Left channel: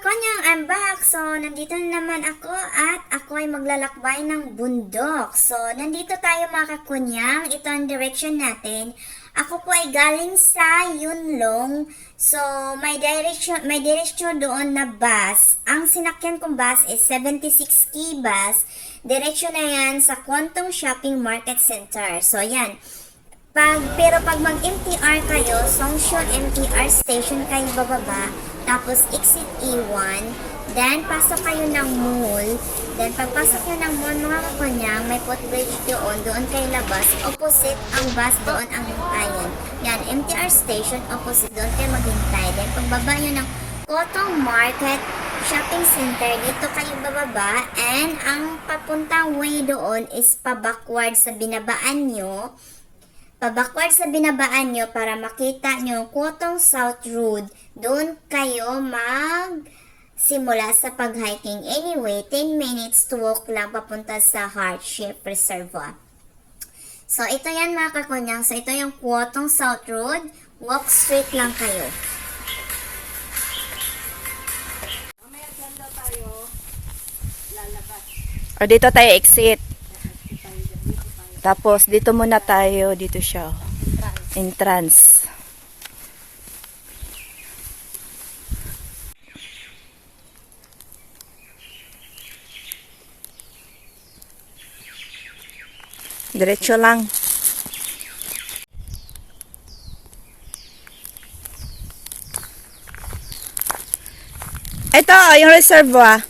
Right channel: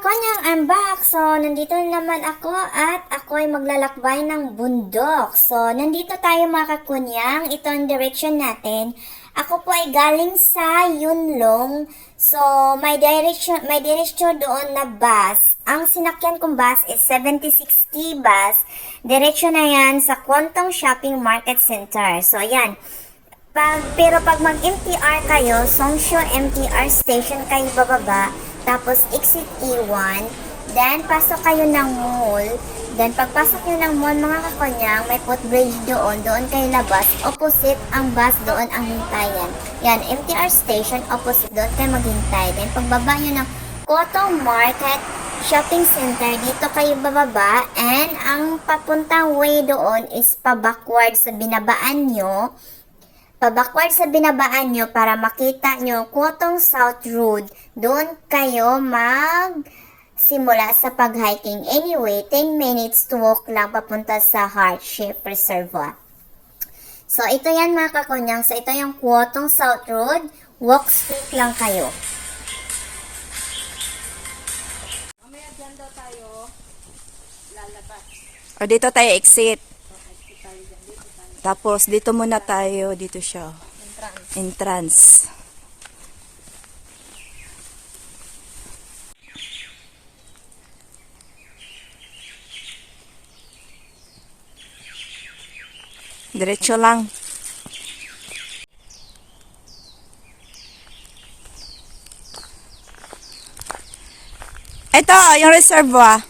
kakonyang, I'm back. So, nandito na naman ako at ako ay maglalakbay ng bundok. So, nandito tayo mga kakonyang. Ito ang direction natin. Ako po ay galing sa Yunlong. So, may direction doon na bus. Ang sinakyan kong bus is 76K bus. Direction na yan sa Kwantong Shopping Market Center. So, yan. Pero pag mag-MTR kayo, Songsho MTR station kayo bababa, tapos exit E1, then pasok kayo ng mall, then pagpasok nyo ng mall mga kakonyang, may footbridge doon kayo labas, opposite ang bus doon ang hintayan. Yan, MTR station, opposite doon kayo maghintay. Then pagbaba nyo ng Kwantong Market Shopping Center, dito kayo bababa, and ang papuntang way doon is pa-backward sa binabaan nyo. Pabackward sa binabaan nyo para makita nyo Kwantong South Road. Doon kayo simula sa pag-hiking. Anyway, 10 minutes to walk lang papunta sa Heart-shaped Reservoir. So, ito yan mga kakonyang. So, ito yung Kwantong South Road. Walk straight lang kayo. Mamaya dyan daw tayo lalabas. O, dito tayo exit. Tapos, dito muna tayo. Dito siya. Entrance. Diretso lang. Ito, yung reservoir.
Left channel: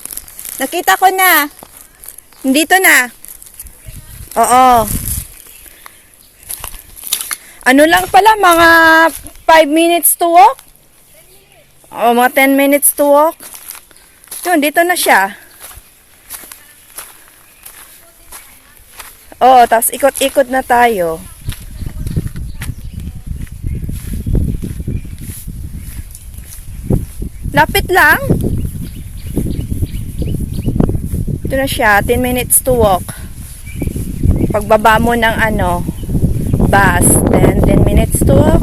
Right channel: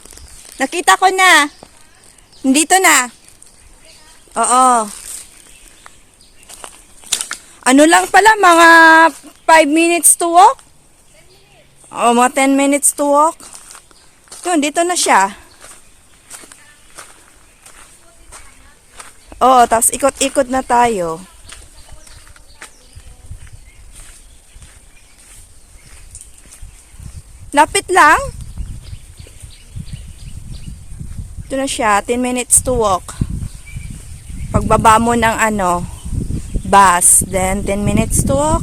Nakita ko na. Dito na. Oo. Ano lang pala, mga 5 minutes to walk? 10 minutes. O, mga 10 minutes to walk. Yun, dito na siya. Oo, tapos ikot-ikot na tayo. Lapit lang. Ito na siya, 10 minutes to walk. Pagbaba mo ng bus, then 10 minutes to walk,